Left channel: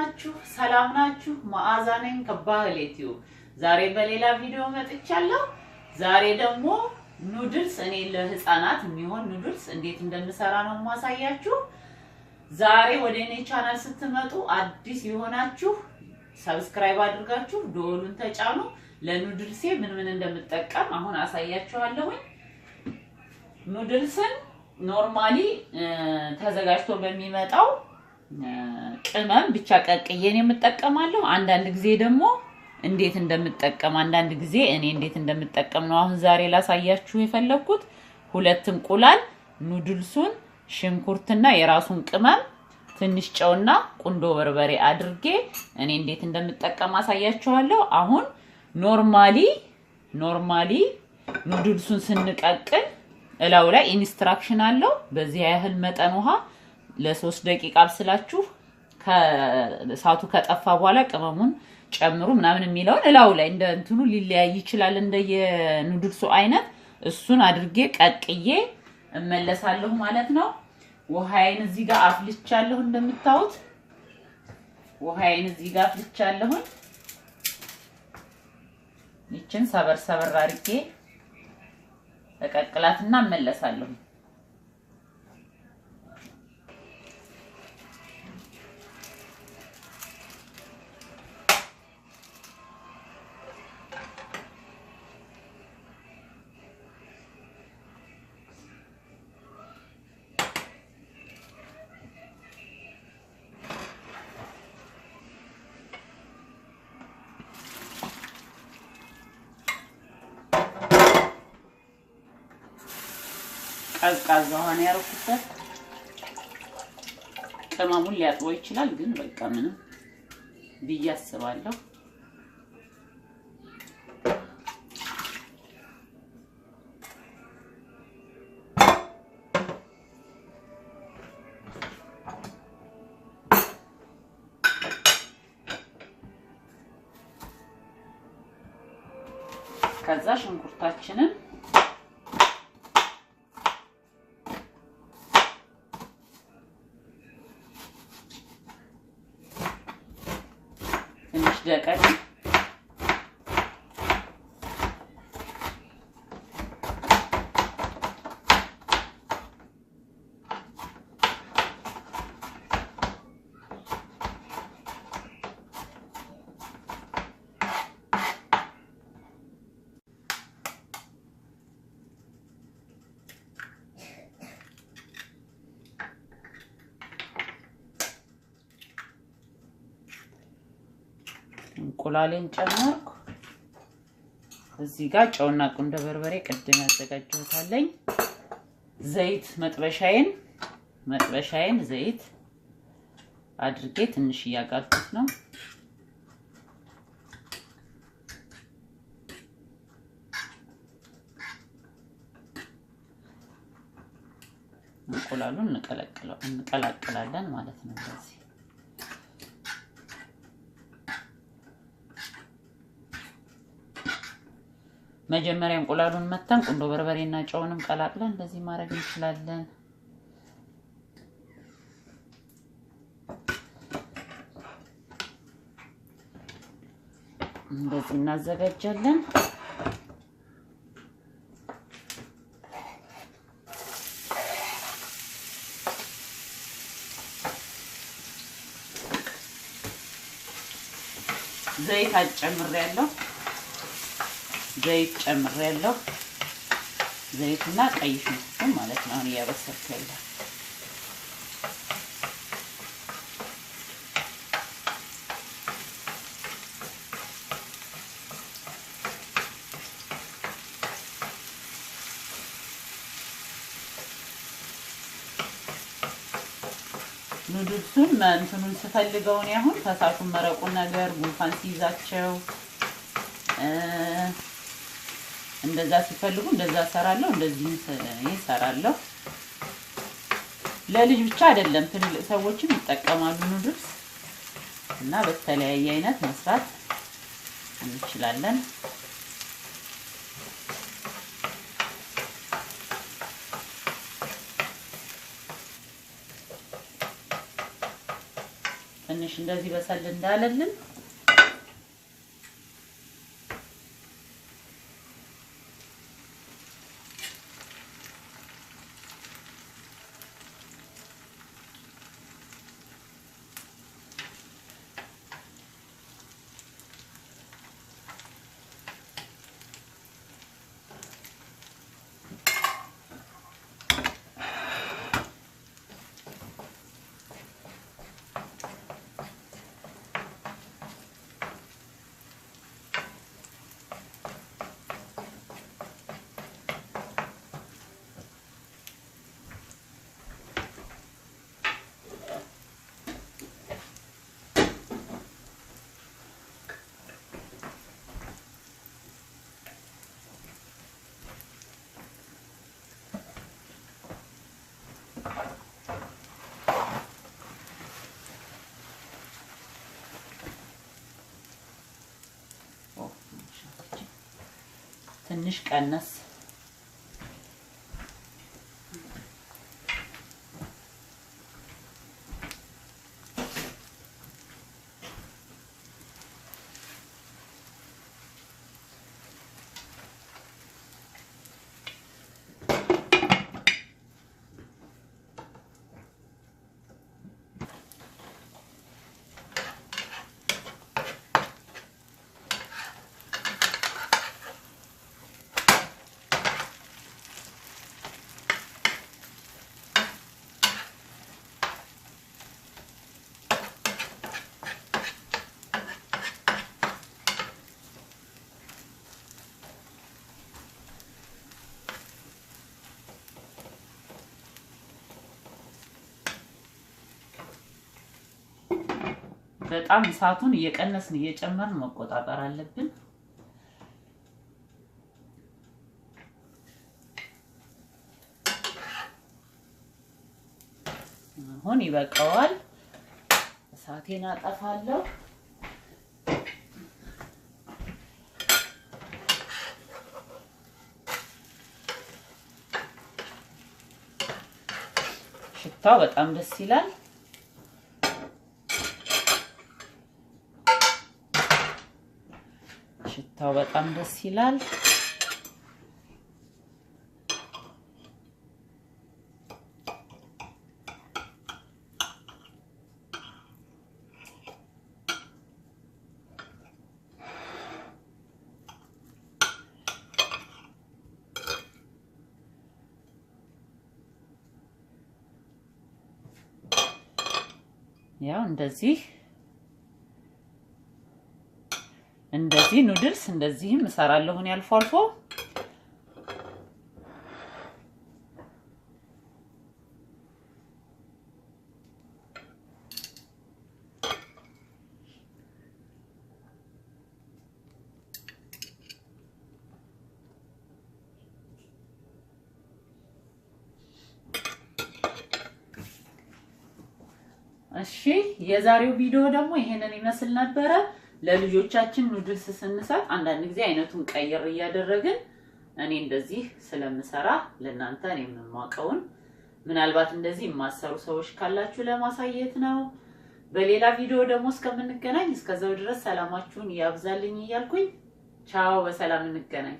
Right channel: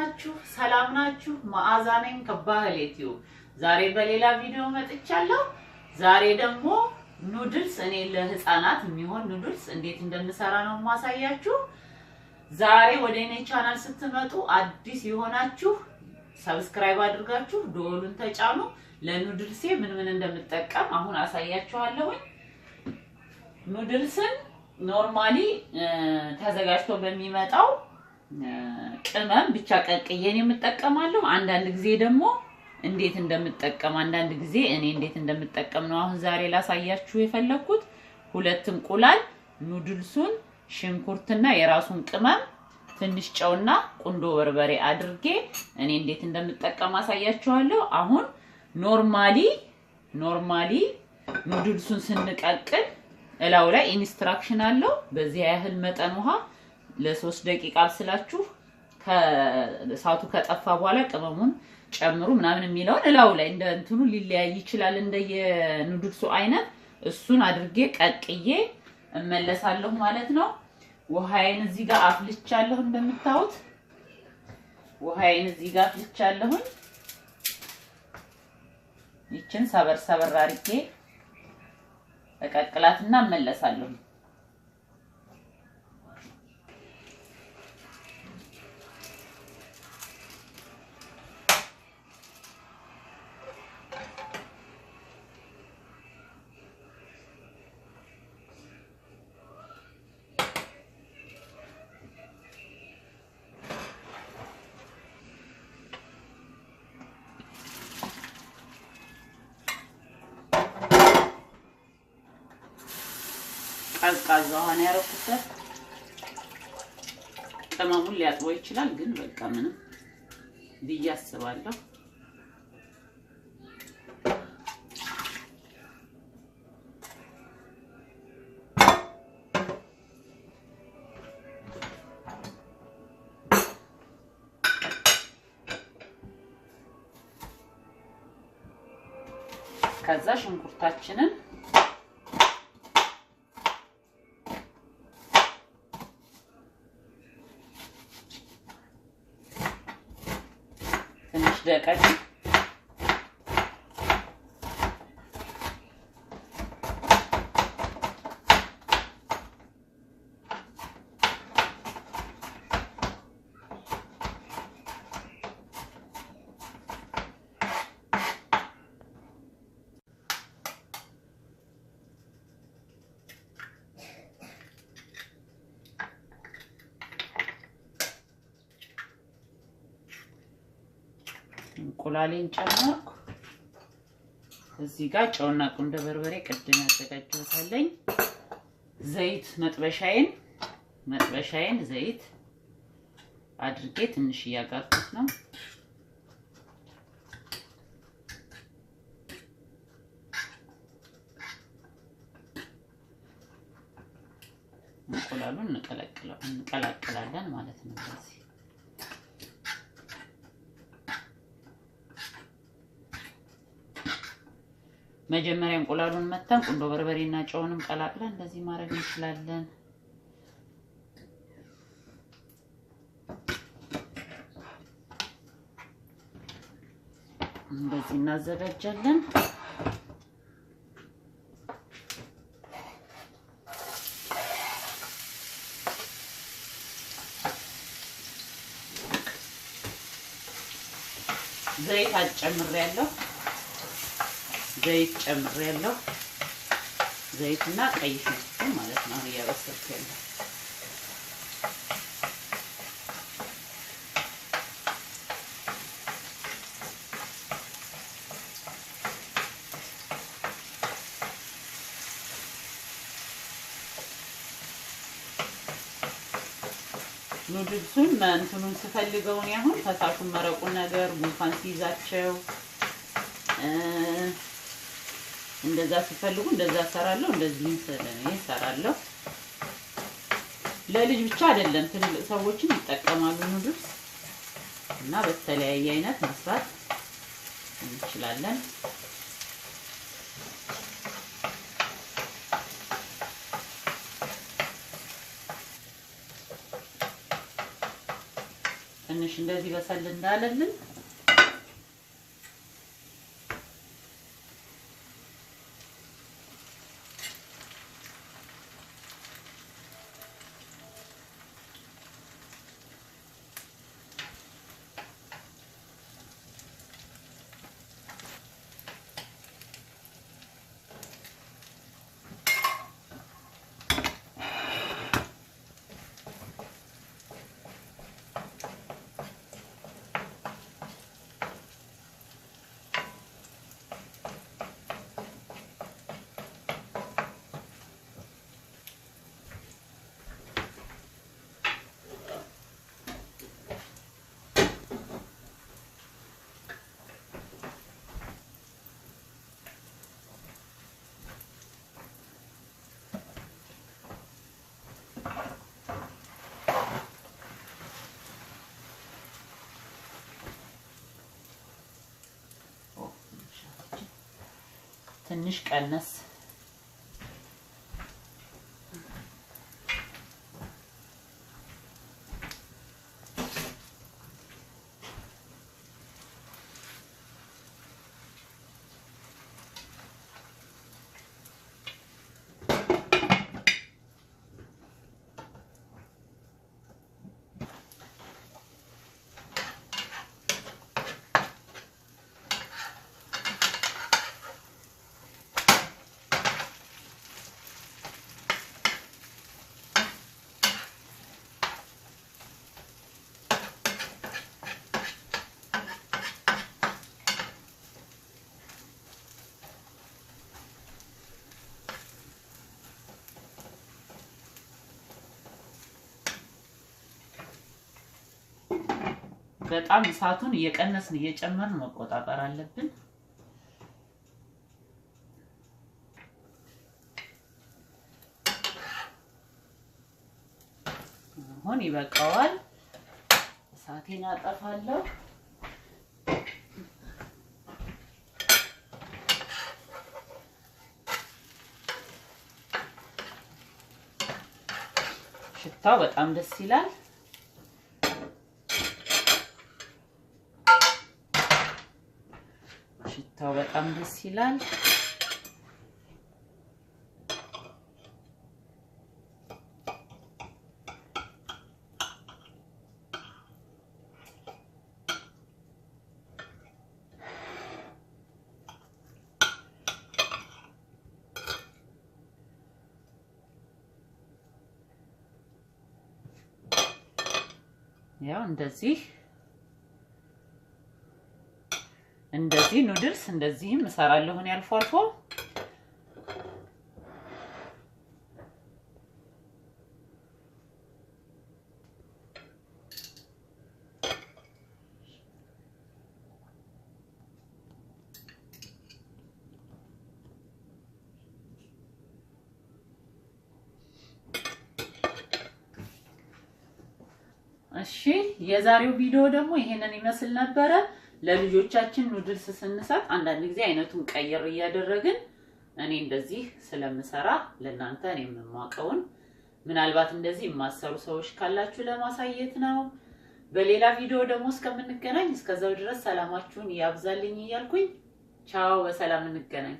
ናችሁ? ሰላም ናችሁ? መዓዛ ነኝ ከባህሌቲዩ። ዛሬ በሌላ ቪዲዮ መጥቻለሁ። ዛሬ ደግሞ ኑድልስ እኔ ለህፃናት የሚሆን ኑድልስ እንዴት እንደምሰራ ነው ማሳያችሁ። ዛሬ ወደ እኔ ቻናል ስትመጡ አዲስ የሆናችሁ ሰብስክራይብ አድርጋችሁ ደወሉን ተጫኑ። ለኑድልሴ ምን እንደምጠቀም አሁን አሳያችኋለሁ። ኑድልስን ኖርማሊ ተዘጋጅቶ በሚመጣው ቅመም ብቻ ቀቅዬን የምጠቀማለሁ። አንዳንድ ጊዜ ደግሞ እንዴት እንደምጠቀም አንዳንድ ጊዜ እኔ እንዴት እንደምጠቀም ነው አሁን ዛሬ ላሳያችሁ የፈለኩት። ሁለት እንቁላል፣ ኑድልሱን፣ ሽንኩርትና የራሱን ቅመም፣ ትንሽ ጨውና ቁንዶ በርበሬ አድርጌ እኔ እንዴት እንደምጠቀም አሳያችኋለሁ። አሁን ኖርማሊ ኑድልሱን ስንቀቅል እላው ላይ ኢንስትራክሽን አለው። በዚህ ያህል መጠን ውሃ ለ3 ደቂቃ አብስላችሁ ከእሳቱ ከጠፋ በኋላ ቅመሙን ጨምሩ ምናምን የሚለውን እላው ላይ እንደ እንትኑ ሊለያይ ይችላል እንደየኑድልሱ አይነት። እሱን አድርጌ ቀቅዬ እመለሳለሁ ማለት ነው። ውሃዬን እዚህ ጋር አፍልቻለሁ። እንደምታዩት ውሃዬን እዚህ ጋር አፍልቻለሁ። ይችን ሰበር አድርጌ እቀቅላትና እመለሳለሁ። ቀዝቃዛ ውሃ ነው ያደረኩት። ቅመሙን ሊያጥበው ይችላል ግን በቃ ምንም ብዬ አስባለሁ። ከዛ ሽንኩርታችንን ደቀቅ እንቁላሌን ጨመርኩ። እዚህ ጋር ጨውና ቁንዶ በርበሬ ቅድም ያዘጋጀሁታለኝ። ዘይት መጥበሻዬን ዘይት አድርጌ ትንሽ እያጋልኩት ነው። እንቁላሉን እንቀላቅላለን ማለት ነው። እንደዚህ መጀመሪያ እንቁላሉን መተን ቁንዶ በርበሬና ጨውንም ቀላቅለን እንደዚህ ማድረግ እንችላለን። እንደዚህ እናዘጋጃለን። ዘይት አጨምሬያለሁ። ዘይት ጨምሬያለሁ። ዘይትና ቀይ ሽንኩርት ማለት ነው ያበሰልኩ ያለው። ኑድልሱን እንትኑን ስፈልገው ነው አሁን ፈሳሹን መረቁን ነገር ጉንፋን ሲይዛቸው እንደዛ ሲፈልጉ እንደዛ ሰራለሁ። እንደዚህ ሰራለሁ። ለልጅ ብቻ አይደለም ትልልቅ ሰዎችም ይጠቀማሉ ኑድልስ እና በተለያየ አይነት መስራት እንችላለን። ትንሽ ትንሽ እንደዚህ በሰል እንዳለልን ትንሽ ቀነስ በጣም እሳቱን እየቀነስን እየጨመርን መቆጣጠር አለብን። አሁን ይበቃዋል። እሳቴን አጠፋለሁ። ሽታው በጣም ደስ ይላል። ሽታው በጣም ደስ ይላል። ያው እንደዚህ ኑድልስ እንደዚህም እሰራለሁ እኔ አልፎ አልፎ። እሺ የዛሬው ቪዲዮ ደግሞ ይሄንን ይመስል ነበረ። ለልጆቻችን ኑድልስ ስንሰጥ አንዳንድ ጊዜ አይነቱን ቀይር እያደረግን እኔ እንደዚህ ስለምሰራ ለእናንተ እኔ የማውቀውን ምናልባት እንደዚህ የማሰሩ ሰዎች ካላችሁ ለማሳየት ነው። በሌላ ቪዲዮ ደግሞ እስከምንገናኝ እስከዛው ድረስ ሰላማችሁን ያብዛልኝ እያልኩኝ ቻው፣ በሰላም እንገናኝ።